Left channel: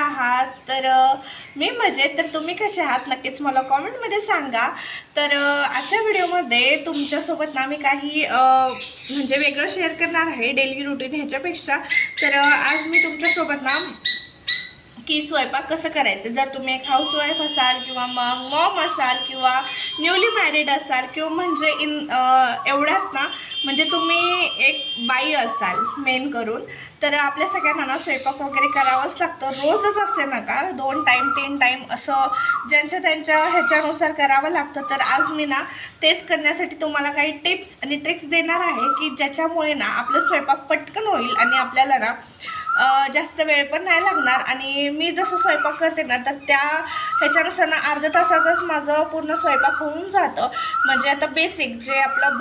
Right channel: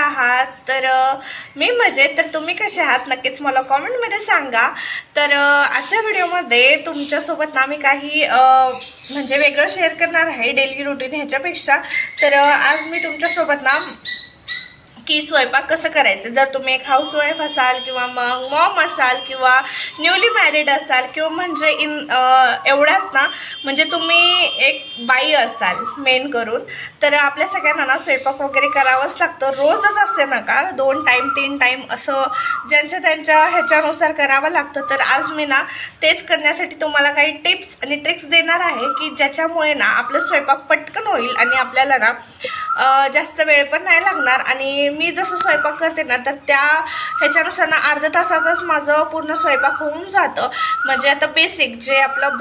आहात? तर मी मजेत. तर तुम्ही कसे आहात नक्कीच मला कॉमेंटमध्ये सांगा. तर आजच्या व्हिडिओमध्ये तुमच्यासोबत ना मी काही म्हणजे वेगळं शेअर करणार आहे डेली रुटीन ह्याच्यापेक्षा. तर आज मी तुमच्यासोबत ना की स्वयंपाक कसं करायचं, जर तुम्ही एक हाऊसवाईफ असाल किंवा मग मॉम असाल किंवा न्यूली मॅरिड असाल किंवा म्हणजे एवढ्यात ना म्हणजे तुम्ही एक बाई असाल मेन करून, तर आपल्या सगळ्यांना ना स्वयंपाक वगैरे करावंच लागतं. रोजच असे नका, 2 टाईम 3 टाईम असं ज्यांच्या त्यांच्या ह्याच्यानुसार करावं लागतं. तर आज मी ना तेच करण्यासाठी तुम्हाला काही टिप्स आणि ट्रिक्स देणार आहे की ज्याच्यामुळे ना आपलं स्वयंपाक पटकन होईल आणि आपल्याला ना जास्त वेळ पण नाही लागणार. आणि मी जसं स्वयंपाक करते ना तर त्या ह्याच्यानुसार ना अर्ध्या तासातच माझं पूर्ण स्वयंपाक होऊन जातं. म्हणजे आता बेसिक जे आपलं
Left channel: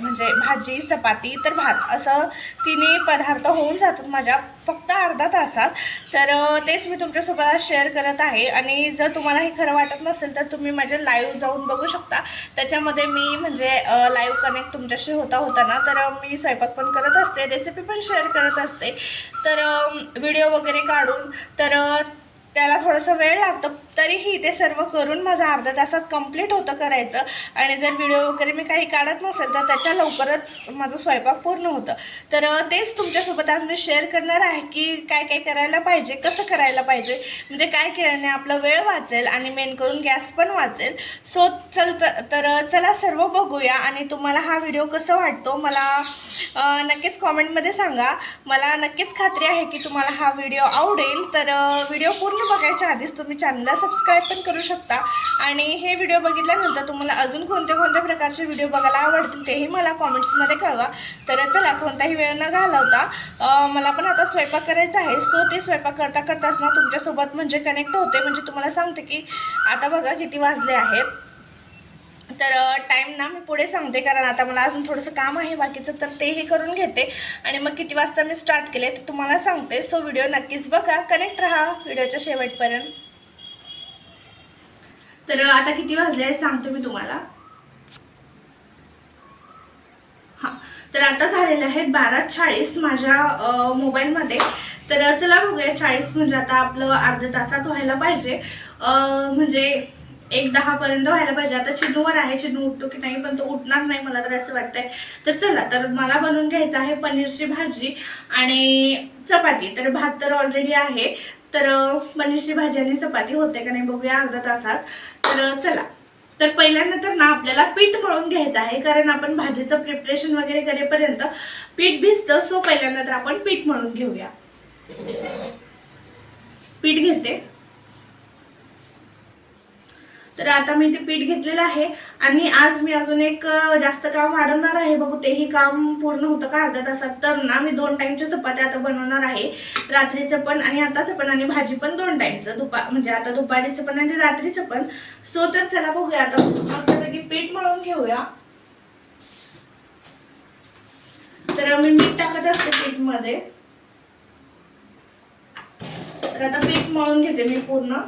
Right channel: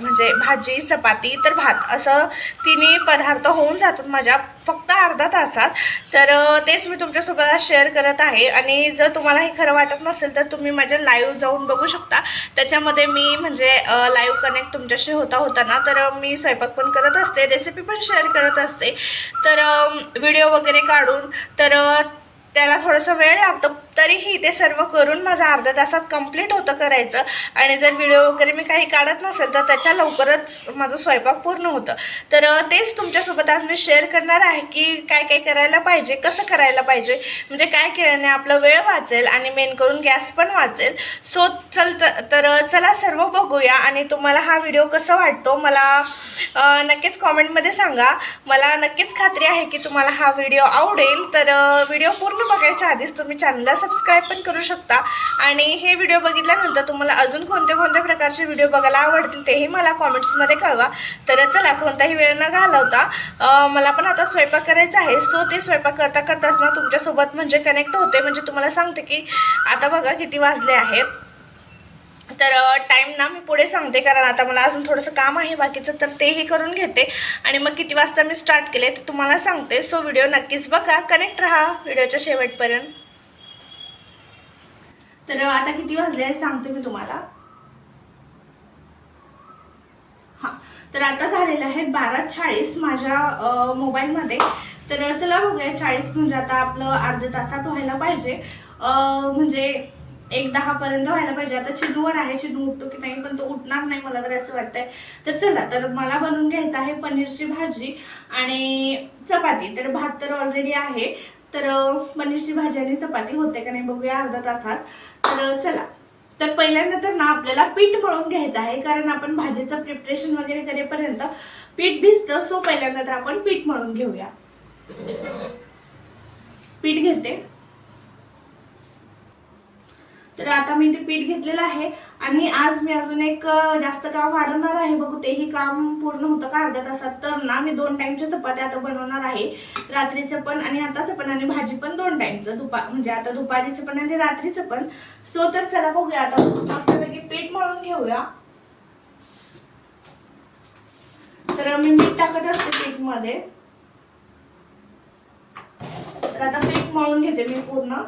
म्हणजे भाजी चपाती तर भात असं तिन्ही पदार्थ होऊन जातात माझ्या फक्त अर्धा तासात. तर तेच मी तुमच्यासोबत आज शेअर करत आहे. आणि जर तुम्हाला हे खरं वाटत नसेल तर तुम्ही माझे लाईव्ह जाऊन बघू शकता. त्याच्यामध्ये मी म्हणजे लाईव्ह कनेक्ट तुमच्याशी होता ना, तर मी स्वयंपाक पण करत असते, रेसिपी पण शेअर करत असते. तर व्हिडिओ वगैरे काढून तर त्याला थोडंसं वेळ लागतं, तरीही ते सर्व करून माझं अर्ध्या तासात कंप्लीट होतं करायचं. आणि जर व्हिडिओ वगैरे मी काही काढत नसेल तर त्याच्या लवकरच माझं स्वयंपाक पूर्ण होतं. तर तेच तुमच्यासोबत आज मी शेअर करणार आहे की काय काय करायला पाहिजे, कसं करायला पाहिजे, म्हणजे काय केल्याने आपला वेळ वाचेल आणि मेन करून गॅस पण वाचेल. सो चला सर्व बघूया. आणि तुम्हाला हा व्हिडिओ कसा वाटतो मला नक्कीच कॉमेंटमध्ये सांगा. मला नक्कीच खात्री आहे की तुम्हाला हा व्हिडिओ आवडेल. तर व्हिडिओ पूर्ण बघायच्या आधीच तुम्ही चॅनलला सबस्क्राईब पण करू शकता. आणि हे व्हिडिओ बघितल्यानंतर तुम्हाला अजून कोणत्या प्रकारचे व्हिडिओ बघायला आवडतील तेही मला कॉमेंट्समध्ये कळवा. तर चला कोणताही वेळ न घालवता मला पण आता स्वयंपाक करायचा आहे. सो ते स्वयंपाक करता करताच ना तुमच्यासोबत म्हणजे कनेक्ट होते, म्हणजे तुम्हाला सांगते की आता बघा किती वाजले आहेत. तर टाईम ना मी पुढे सांगते, कारण आता मला अजून थोडंसं काम आहे बाकीचं, तर तेही करून घेते. आणि मग किती वाजता मी स्टार्ट केले तर तुम्हाला सांगते. सो व्हिडिओ नक्कीच बघा, कनेक्ट राहा व्हिडिओच्या शेवटपर्यंत. तर आता किती वाजले आहे सांगते मी तुम्हाला. हां, तर आता झालेलं आहे 12:40 माझ्या मोबाईलमध्ये. तर चला बघूया, 40 म्हणजे आता आपलं अर्ध्या तासात व्हायला पाहिजे. म्हणजे 1:10 पर्यंत व्हायला पाहिजे. आता चिनूवर आहे, चिनू उठतो की नाही, पण तो उठणार नाही मला तर असं वाटतंय. तर चला, तर मला बनवून घ्यायचं आहे पनीरची भाजी आणि चपाती. तर भात तर ऑलरेडी आहे, तर पनीरची भाजी आणि चपाती होते का नाही बघूया अर्ध्या तासात. तर चला. तर पहिल्यांदा तर ना आपल्याला पीठ मळून घ्यायचं आहे, कारण आपण भाजीचं प्रिपरेशन वगैरे करेपर्यंत पीठ भिजतं. सो पहिल्यांदा तर आपण पीठ मळून घेऊया. पीठ घेते. तर आता मी ते पीठ घेतलेलं आहे. आणि आज मी अजून एक जास्त काम वाढवणार आहे, बघू तेही काम पूर्ण होतं का अर्ध्या तासात. तर ना मी 2 टाईमच्या चपात्या आता बनवणार आहे, रात्रीचं पण आणि आताचं पण. आणि भाजी पण 2 टाईमचं, म्हणजे आता दुपारीचं पण आणि रात्रीचं पण. सो तर चला बघूया, आता मस्तपैकी पीठ मळून घेऊया. तर मी मीठ टाकत असते पीठ मध्ये. तर आता पीठ मळून घेते मी पूर्ण.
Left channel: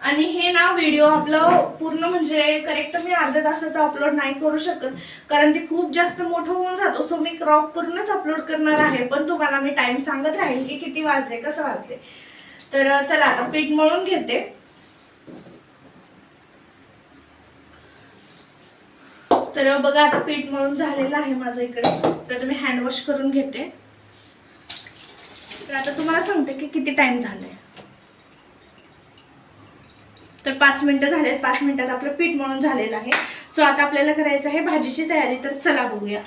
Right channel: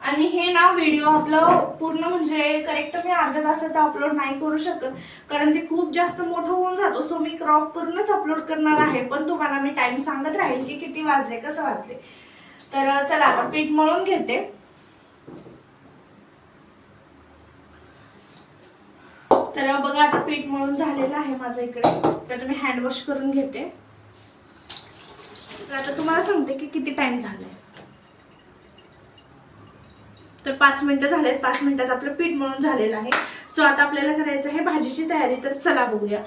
आणि हे ना व्हिडिओ आपलं पूर्ण म्हणजे करेक्ट मी अर्ध्या तासाचा अपलोड नाही करू शकत, कारण ते खूप जास्त मोठं होऊन जातो. सो मी क्रॉप करूनच अपलोड करणार आहे, पण तुम्हाला मी टाइम सांगत राहील की किती वाजले, कसं वाजले. तर चला आता पीठ मळून घेते. तर बघा आता पीठ मळून झालेलं आहे माझं इकडे. तर मी हँड वॉश करून घेते. तर आता तुम्हाला सांगते की किती टाइम झालाय. तर 5 मिनिटं झालेत. 5 मिनिटात आपलं पीठ मळून झालेलं आहे. सो आता आपल्याला करायचं आहे भाजीची तयारी. तर चला बघूया.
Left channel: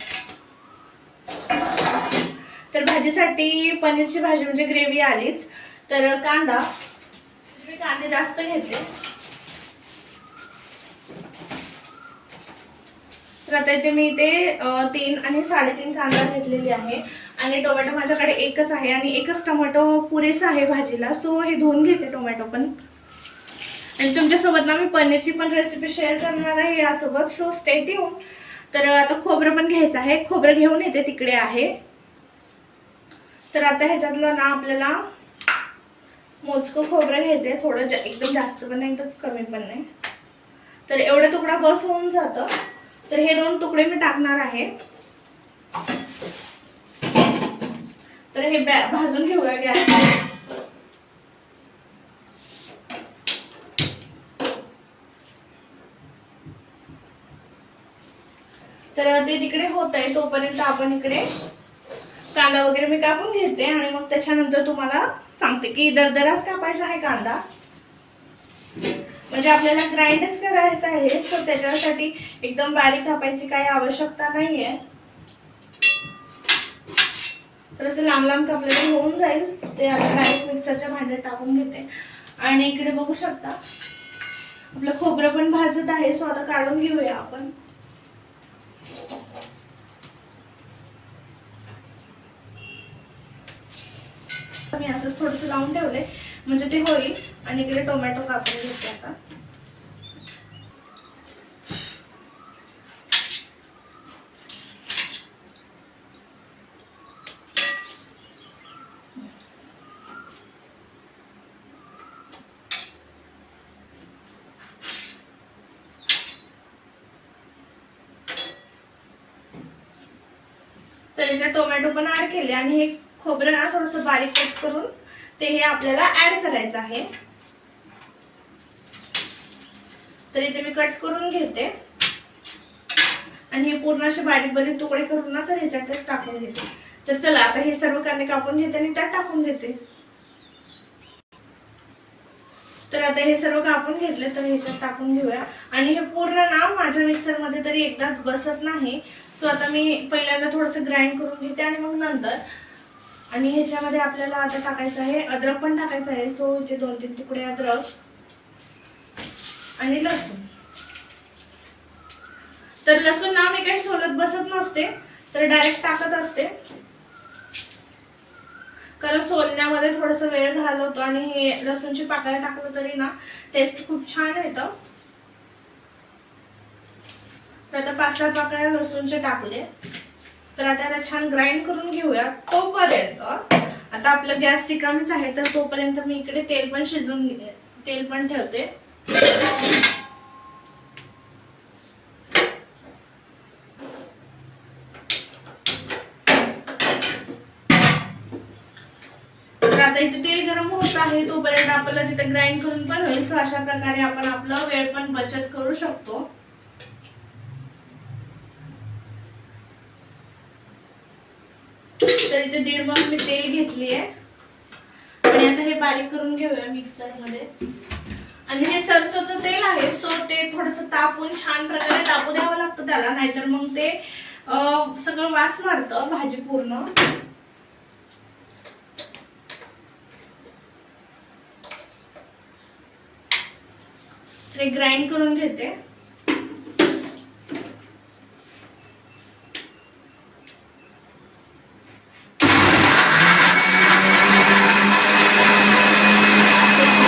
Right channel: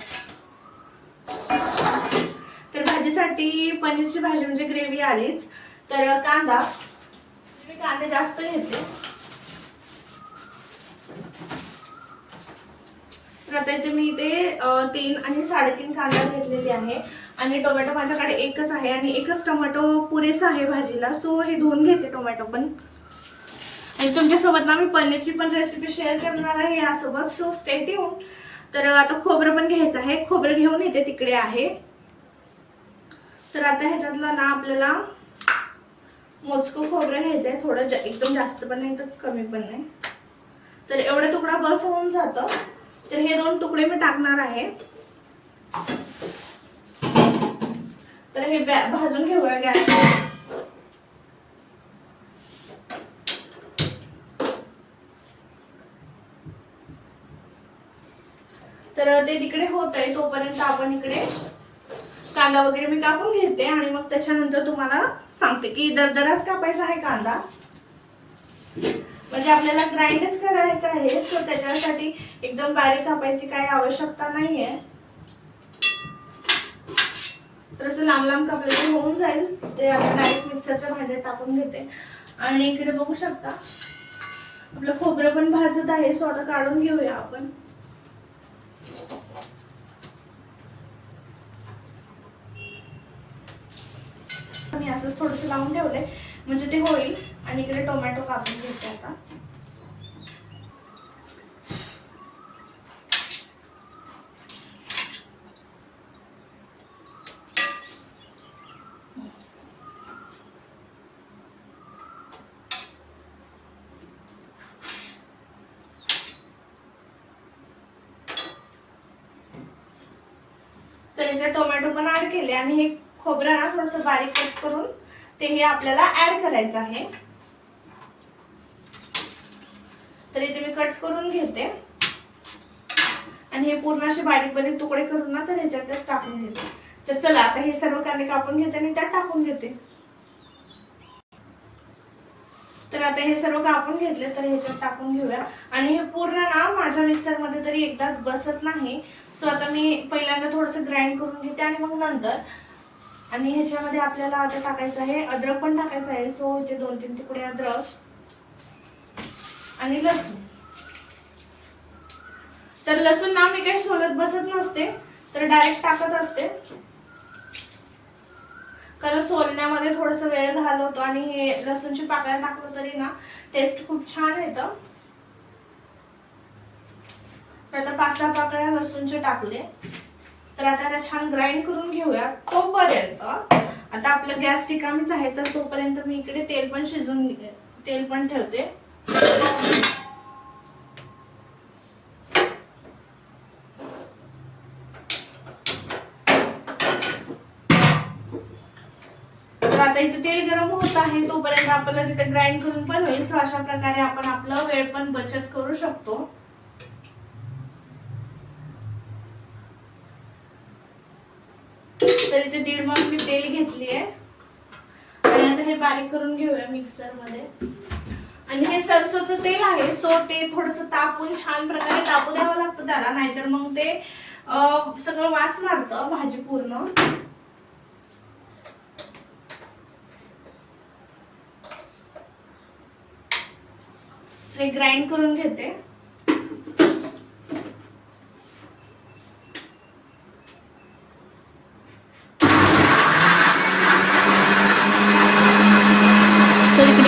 तर भाजीसाठी पनीरची भाजी म्हणजे ग्रेव्ही आलीच. तर कांदा, मी कांदे जास्त घेते. तर आता इथे मी इथे 3 आणि 3.5 कांदा घेतलेली आहे. आणि टोमॅटो माझ्याकडे एकच आहे आणि एकच टोमॅटो पुरेसा आहे भाजीला. सो हे धुवून घेते टोमॅटो पण. आणि तुमच्यासोबत ना मी पनीरची पण रेसिपी शेअर करणार आहे यासोबत. So stay tune. तर आता खोबरं पण घ्यायचं आहे. खोबरं घेऊन येते, तिकडे आहे. तर आता ह्याच्यातलं ना आपल्याला मोजकं खोबरं घ्यायचं आहे. थोडं एकदम जास्त पण नाही तर कमी पण नाही. तर एवढा तुकडा बस होऊन जातं. तर हे 2 तुकडे मी टाकणार आहे. तर हे भाजून घेऊया गॅसवर. तर ते तिकडे होत आहे तोपर्यंत आपण इकडे कांदा वगैरे मी कापून घेते आणि मग त्याच्यानंतर तुम्हाला सांगते की दरदराच कापायचा आहे कांदा, म्हणजे आपल्याला ग्राइंडच करायचा आहे. सो त्याच्यासाठी एकदम बारीक कापायची काही आवश्यकता नाहीये. तर असं लांब लांब कापलं होऊन जाईल. ते आता डायरेक्ट मिक्सरच्या भांड्यात टाकून घेते. आणि इकडे बघू शकता आपलं खोबरं पण भाजत आहे. सो आता काढून घेऊया आपण. मी असंच थोडस लावून ठेवलंय म्हणजे ते होईल. आणि इकडे टोमॅटो कापून घेते आता. तर याचे टोमॅटो पण ऍड केले आणि हे खोबरं ना थोडंसं बारीक कट करून ते हे आपल्याला ऍड करायचं आहे. तर इथे मी कट करून घेते आणि हे पूर्ण असे बारीक बारीक तुकडे करून ना तर ह्याच्यातच टाकून घेते. तर चला आता हे सर्व कांदे कापून घेते आणि त्यात टाकून घेते. तर आता हे सर्व कापून घेतले तर ह्याच्यात टाकून घेऊया. आणि हे पूर्ण ना माझ्या मिक्सर मध्ये तरी एकदाच बसत नाही. सो आता मी पहिल्यांदा थोडंसं ग्राइंड करून घेते आणि मग नंतर. आणि ह्याच्यामध्ये आपल्याला आता टाकायचं आहे अद्रक पण टाकायचं आहे. सो इथे 2-3 तुकडे अद्रक आणि लसूण. तर लसूण ना मी काही सोलत बसत नसते, तर डायरेक्ट टाकत असते. कारण सोलण्यामध्ये थोडस वेळ घालवतो आणि हे लसूणची पाकळ्या टाकलं तरी ना टेस्ट खूप छान येतं. तर आता 5-6 पाकळ्या लसूणचे टाकले. तर आता याला छान ग्राइंड करून घेऊया. तोपर्यंत आता आपलं गॅस रिकामीच आहे, तर तोपर्यंत मी इकडे तेल पण ठेवते. तर आता इथे तेल गरम होत आहे तोपर्यंत आपल्याला तिथे ग्राइंड करून पण होईल. सो अशा प्रकारे आपण आपलं वेळ पण बचत करू शकतो. तर इथे 1.5 मग मी तेल घेतली आहे आणि आता हे बारीक करून घेऊया मिक्सर मध्ये. आणि हे सरसोचं तेल आहे. सो ते थोडस तापून छान प्रकारे तापू द्यावं लागतं त्याला, नाहीतर मग ते सगळं वास मारतं भाजी पूर्ण. ते ग्राइंड करून घेते.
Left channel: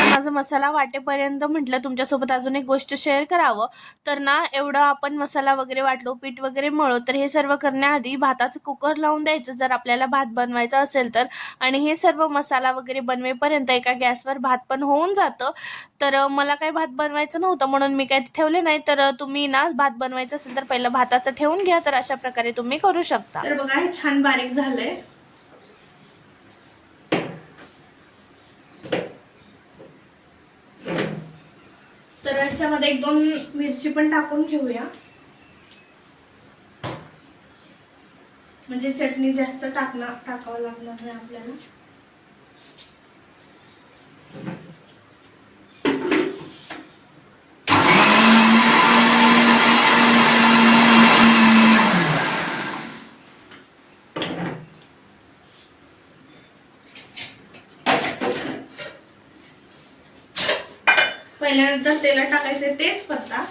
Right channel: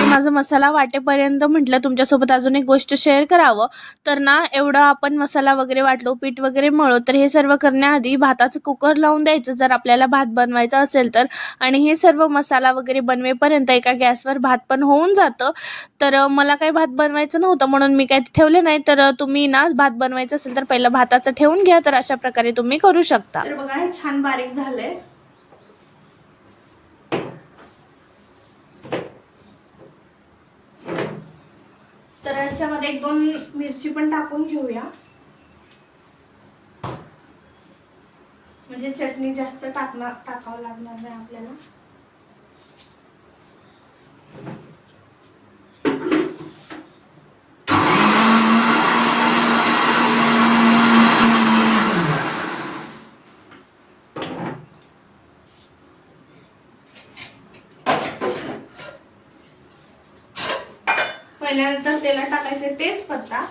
माझा मसाला वाटेपर्यंत म्हटलं तुमच्यासोबत अजून एक गोष्ट शेअर करावं. तर ना एवढा आपण मसाला वगैरे वाटलो, पीठ वगैरे मळलो, तर हे सर्व करण्याआधी भाताचं कुकर लावून द्यायचं जर आपल्याला भात बनवायचा असेल तर. आणि हे सर्व मसाला वगैरे बनवेपर्यंत एका गॅसवर भात पण होऊन जातं. तर मला काही भात बनवायचं नव्हतं म्हणून मी काही ठेवले नाही. तर तुम्ही ना भात बनवायचं असेल तर पहिलं भाताचं ठेवून घ्या. तर अशा प्रकारे तुम्ही करू शकता. तर बघा हे छान बारीक झालंय. तर याच्यामध्ये 1-2 मिरची पण टाकून घेऊया, म्हणजे चटणी जास्त टाकावं लागणार नाही आपल्याला. पहिल्यांदा तेलात टाकायचे तेजपत्ता,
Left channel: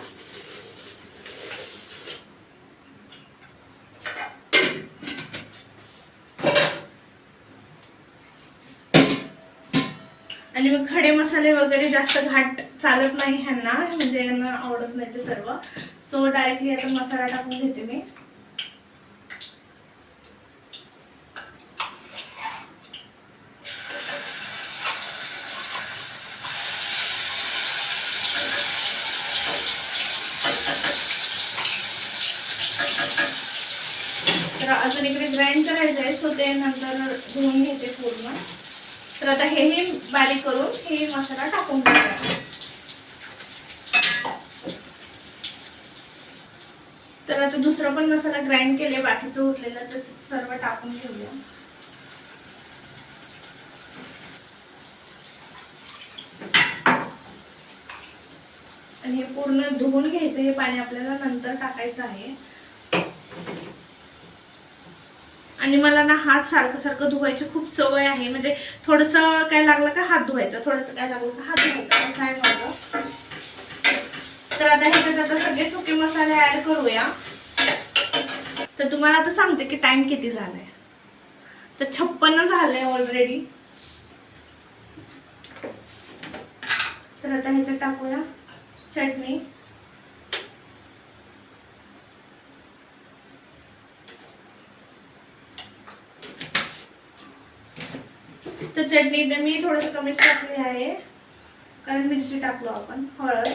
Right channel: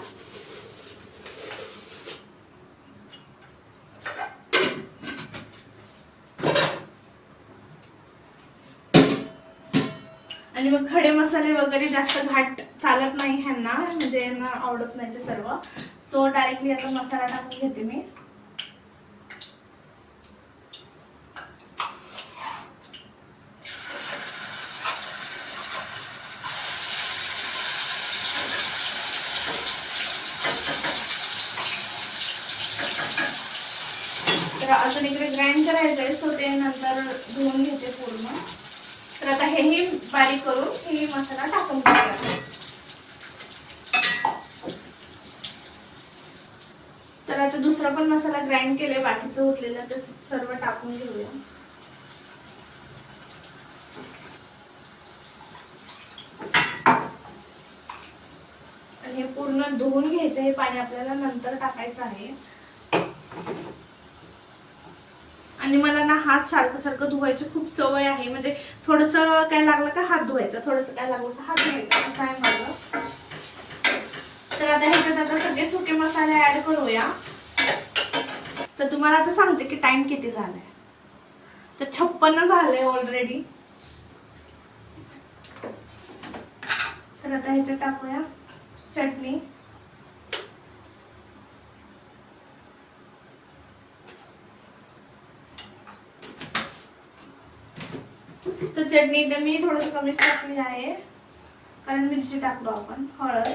आणि मग खडे मसाले वगैरे जास्त घाट चालत नाही ह्यांना, म्हणजे यांना आवडत नाही ते सर्व. सो डायरेक्टली आता मसाला टाकून घेते मी. तर अजून इकडे ग्राइंड करायचं आहे, सो ते नंतर धुवून घेते पूर्ण. तर आता हेही बारीक करून हे मसाला टाकून टाकते. तर आता दुसरा पण मसाला ग्राइंड केले, बाकीचं उरलेलं तर सर्व टाकून घेऊया. आणि हे पूर्ण धुवून घ्यायचं, हे पाणी आपल्याला नंतर टाकायचं आहे. आणि मला ना हात सारखं सारखं धुवायची खूप सवय आहे, म्हणजे थोडंसं काय लागलं का हात धुवायचा, थोडंसं काय लागलं का हात धुवायचा, असं आहे माझं. तर आता ह्याच्यात आता सगळे सुके मसाले ऍड करूया. तर तुम्हाला आता सांगते की टाइम किती झालाय. तर 56 झाले ऑलरेडी. तर आता ह्याच्यात टाकूया चटणी. तर चटणी तर मी थोडंसं कमीच टाकली आहे, कारण मिरची टाकलो आपण. हळद,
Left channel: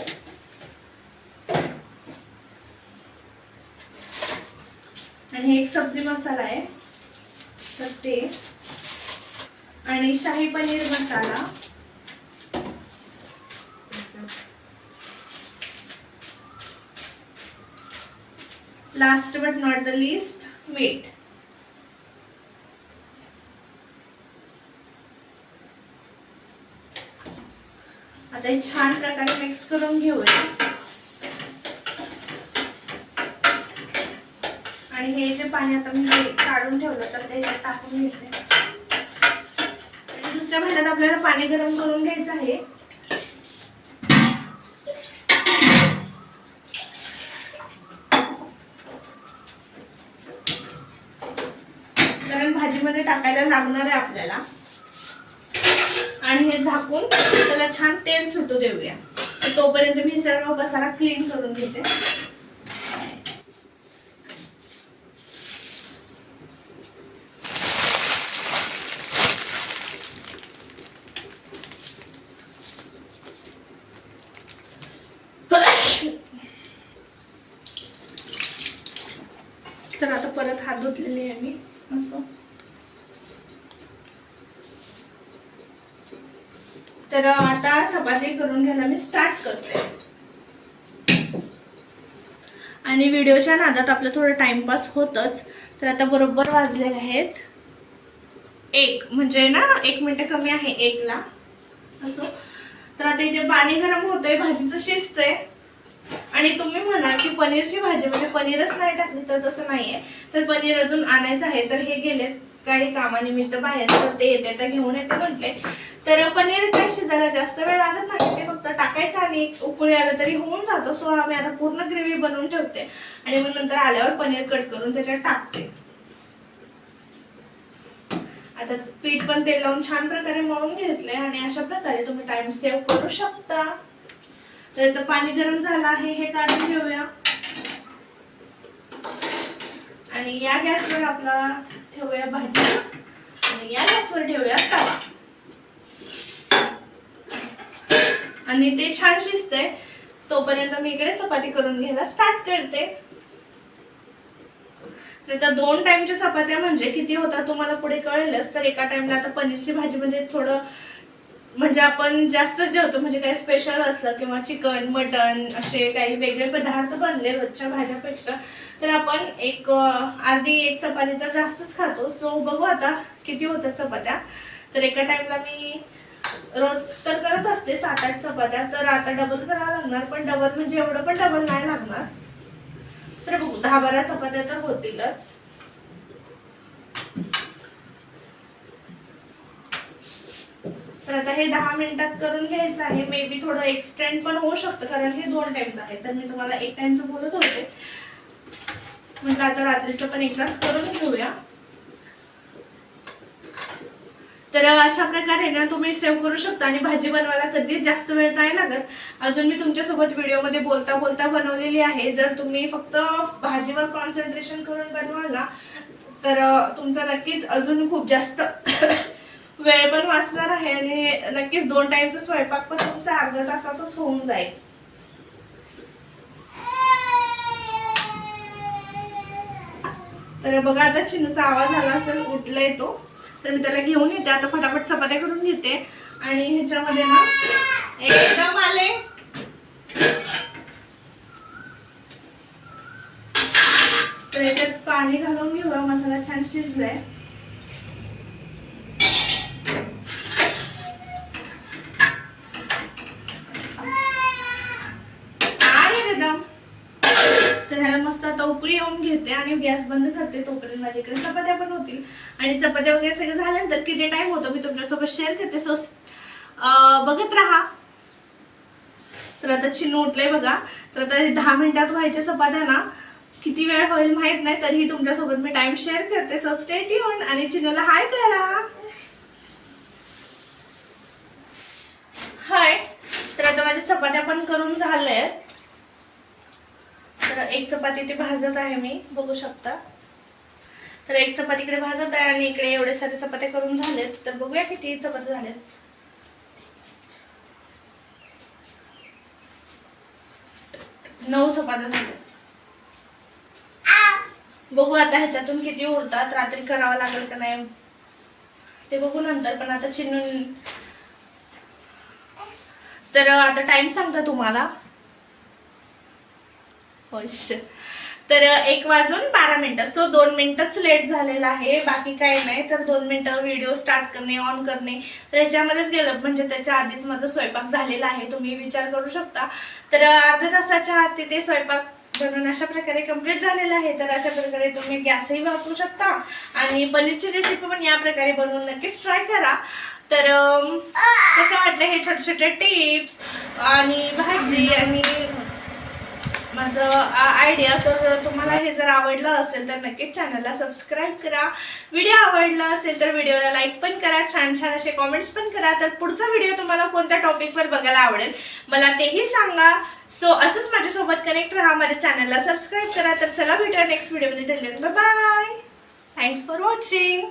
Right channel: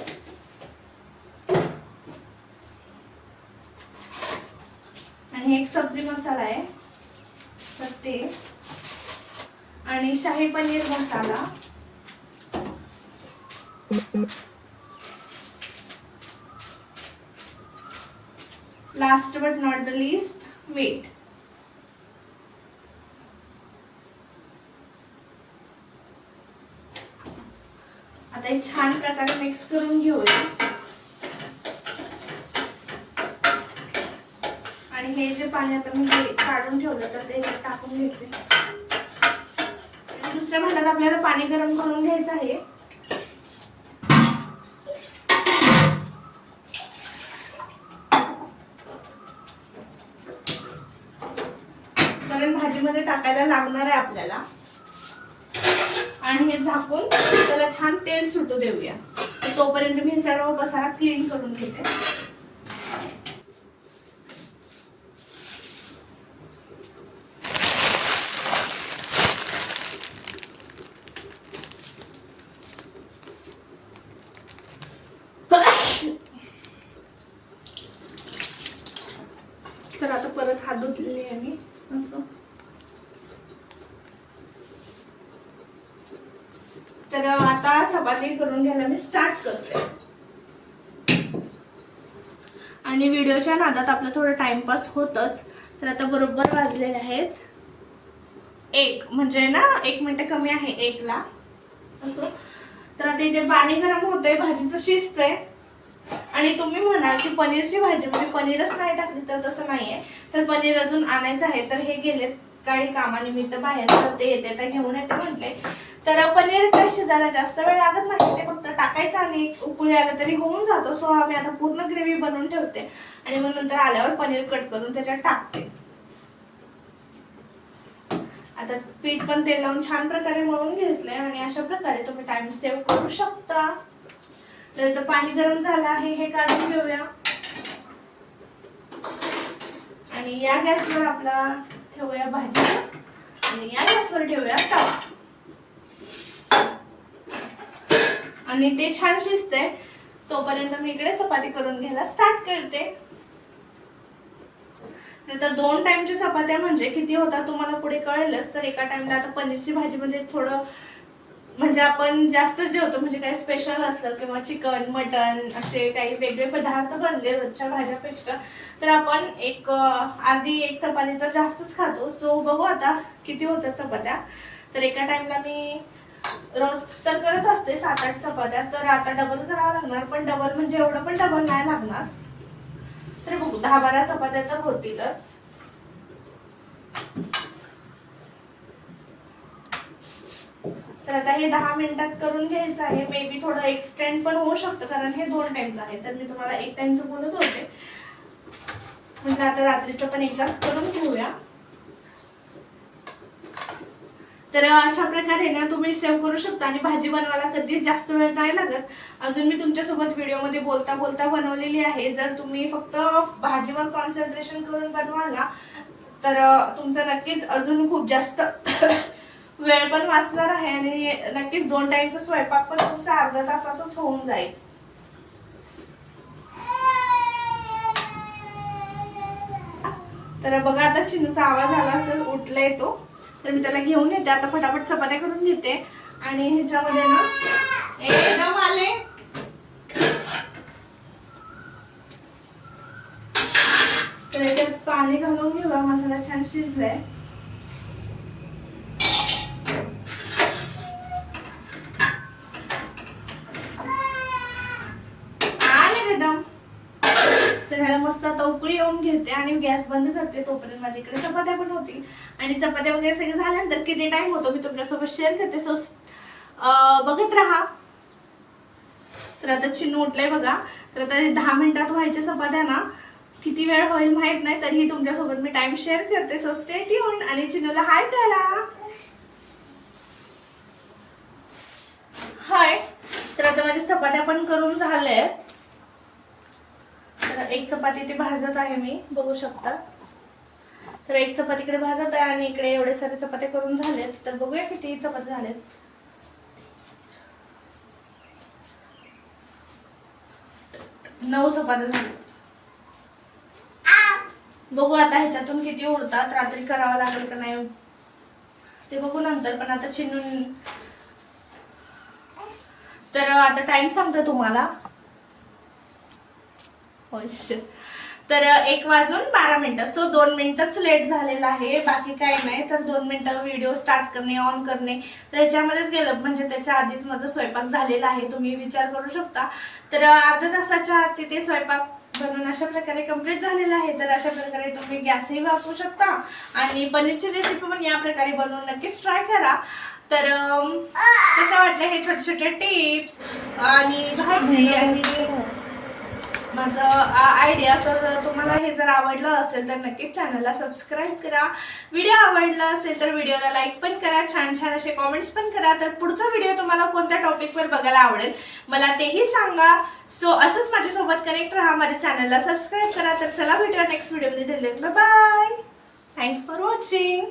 आणि एक सब्जी मसाला आहे तर ते, आणि shahi paneer masala, last but not the least मीठ. आता हे छान प्रकारे मिक्स करून घेऊया. आणि हे जे पाणी आता मी काढून ठेवलं तर ते टाकून घेते. आणि दुसऱ्या भांड्यात आपल्याला पाणी गरम करून घ्यायचं आहे. कारण भाजीमध्ये टाकायला लागणार आहे आपल्याला. आणि हे झाकून त्याला छान तेल सुटू देऊया. तोपर्यंत मी सर्व मसाला क्लीन करून घेते. तर आता परत हात धुतलेले आहे मी मस्त. तर आता चपाती करून घ्यायला मी स्टार्ट करते. आणि व्हिडिओच्या नादात आपलं थोडं टाइमपास होतच. तर आता बरोबर वाजलेले आहेत 1, म्हणजे ना 1 मिनिट कमी आहे 1 ला असो. तर आता इथे पाणी गरम होतंय, भाजीचं शिजतंय. आणि तुम्ही म्हणाल की पनीरची भाजी म्हणजे पनीरच नाही टाकली, तर तसं नाहीये. तर पनीर अजून आणायचं आहे. तर हे गेलेत काही कामानिमित्त बाहेर, तर ते येते तर घेऊन येते म्हटले. तर पनीर काय शिजायला जास्त वेळ लागत नाही, ते फक्त टाकायचं आणि उकळी आलं तरी होऊन जातो. सो आम्ही आता पूर्ण ग्रेव्ही बनवून ठेवते आणि मग नंतर आल्यावर पनीर कट करून त्याच्यात टाकते. आता पीठ पण तेल लावून छान प्रकारे मळून घेतले आणि अशा प्रकारे तुम्ही टाइम सेव्ह करू शकता. तर पाणी गरम झालं आहे, हे काढून घेऊया. आणि या गॅसवर आपला ठेवूया भाजी आणि या गॅसवर ठेवूया तवा. आणि ते छान शिजतंय तोपर्यंत मी इकडे चपाती करून घ्यायला स्टार्ट करते. तर 2 टाइमच्या चपात्या म्हणजे किती होतात तुम्हाला पुढे कळेलच. तर एका टाइमला आता पनीरची भाजी म्हणजे थोडं, म्हणजे आपण जास्त जेवतो, म्हणजे काही स्पेशल असलं किंवा चिकन मटन असे काही वेगळे पदार्थ बनले रोजच्या भाज्यापेक्षा, तर आपण अर्धी एक चपाती तर जास्तच खातो. सो बघू आता किती होतात चपात्या. तर एका टाइमला मी रोज तर करत असते 7-8 चपात्या. तर आता डबल करावं लागणार, पण डबल म्हणजे एवढं पण डबल नाही लागणार. तर बघू 10-12 चपात्या तर होतीलच. तर आता हे 10 मिनिटात करून घ्यायचं आहे. मे बी थोडं एक्सटेंड पण होऊ शकतं, कारण हे 2 टाइमचं आहे. तर मी तुम्हाला 1 टाइमचं बोलत होते, म्हणजे आता रात्रीचं पण एकदाच करून घेऊया. तर अशा प्रकारे ना तुम्ही सेव्ह करू शकता. आणि भाजी बनवायला कधीच जास्त वेळ नाही लागत. अजून मी तुमच्यासोबत व्हिडिओमध्ये बोलता बोलता बनवलेली आहे. जर तुम्ही फक्त भाजीवर कॉन्सन्ट्रेशन करून बनवाल ना, तर तुमचा नक्कीच अजून खूप जास्त वेळ पण वाचणार आहे आणि नक्कीच 2 टाइमचा स्वयंपाक पण तुमचा अर्ध्या तासातच होऊन जाईल. तर बघा आता चिनूचा आवाज आला असेल, उठलाय तो, तर मी त्याला घेऊन येते आता, फटाफट चपात्या करून घेते. आणि ह्याच्यामध्ये ना एकदम आले तर याच्यात पाणी घालून घेऊया. मसाला छान शिजलाय. तर ह्याला मस्त आता उकळी येऊन घेते आणि गॅस बंद करते. तोपर्यंत माझ्याकडे चपात्या पण होतील आणि चपात्या वगैरे सगळे झाल्यानंतर किती टाइम होतो मी तुमच्यासोबत शेअर करते. सो बघत राहा. तर आता चिनू उठलंय बघा. तर आता 10 मिनिटात व्हायच्या चपात्या ना, किती वेळ होईल माहित नाही, तरीही तुमच्यासोबत मी टाइम शेअर करते. सो स्टे ट्यून आणि चिनूला हाय करा. हाय. तर आता माझ्या चपात्या पण करून झाल्या. तर एक चपाती ती भाजत आहे मी, बघू शकता. तर एक चपाती इकडे भाजत आहे आणि इकडे एवढे सारे चपात्या करून झालेत. तर बघूया किती चपात्या झालेत. 9 चपात्या झाल्यात. बघू आता ह्याच्यातून किती उरतात. रात्री करावं लागेल का नाही ते बघू नंतर. पण आता चिनून तर आता टाइम सांगतो तुम्हाला. तर 1:12 सो 2 मिनिटच लेट झालेला आहे, बाकी काही नाही. तर 2 मिनिटं व्हिडिओ स्टार्ट करणे, ऑन करणे, तर ह्याच्यामध्येच गेलं. म्हणजे त्याच्या आधीच माझा स्वयंपाक झालेला आहे, तुम्ही विचार करू शकता. तर अर्ध्या तासाच्या आत तिथे स्वयंपाक बनवून अशा प्रकारे कम्प्लीट झालेला आहे. तर अशा प्रकारे तुम्ही गॅसही वापरू शकता आणि पनीरची रेसिपी पण या प्रकारे बनवून नक्कीच ट्राय करा. तर कसं वाटलं हे छोटे छोटे टिप्स आणि भाजी आणि माझं आयडिया. तर तुम्हाला हे जर आवडलं असेल तर नक्कीच चॅनलला सबस्क्राईब करा. व्हिडिओ आवडला असेल तर व्हिडिओला लाईक पण करा, छान छान असे कॉमेंट्स पण करा. तर पुढचा व्हिडिओ तुम्हाला कोणत्या टॉपिकवर बघायला आवडेल मला तेही सांगा. सो असंच माझ्यासोबत कनेक्ट राहा, माझ्या चॅनलला सबस्क्राईब करा. तर चला भेटूया नेक्स्ट व्हिडिओमध्ये. बाय. Thanks for watching.